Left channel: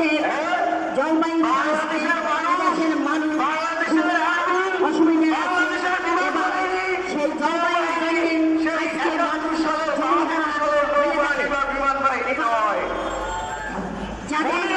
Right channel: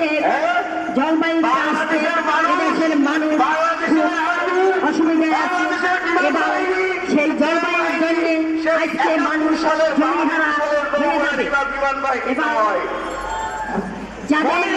আজকে জলবায়ু আসতে এদেশের মানুষ অসুবিধায় আছে এবং সেই জলবায়ুর জন্য আজকে মানুষ জমিহারা হয়ে যাবে এবং যাদের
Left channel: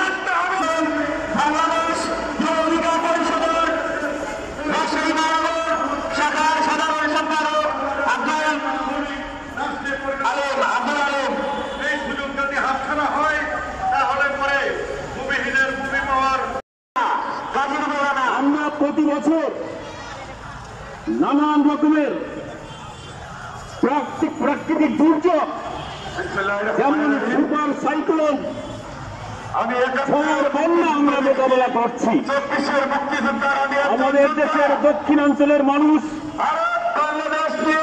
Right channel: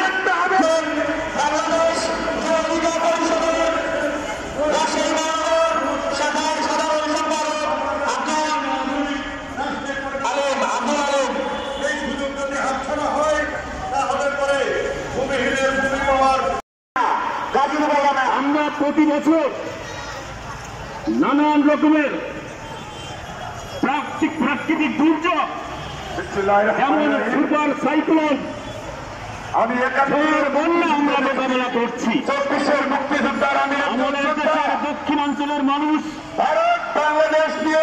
আমরা প্রতি বছর নানান রকমের প্রাকৃতিক দুর্যোগ যেমন সুপার সাইক্লোন বন্যা আমরা মোকাবেলা করছি। আমাদের দেশের দক্ষিণাঞ্চলের মানুষ বাংলাদেশ নিয়ে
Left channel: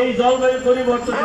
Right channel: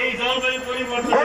এই জলবায়ু পরিবর্তন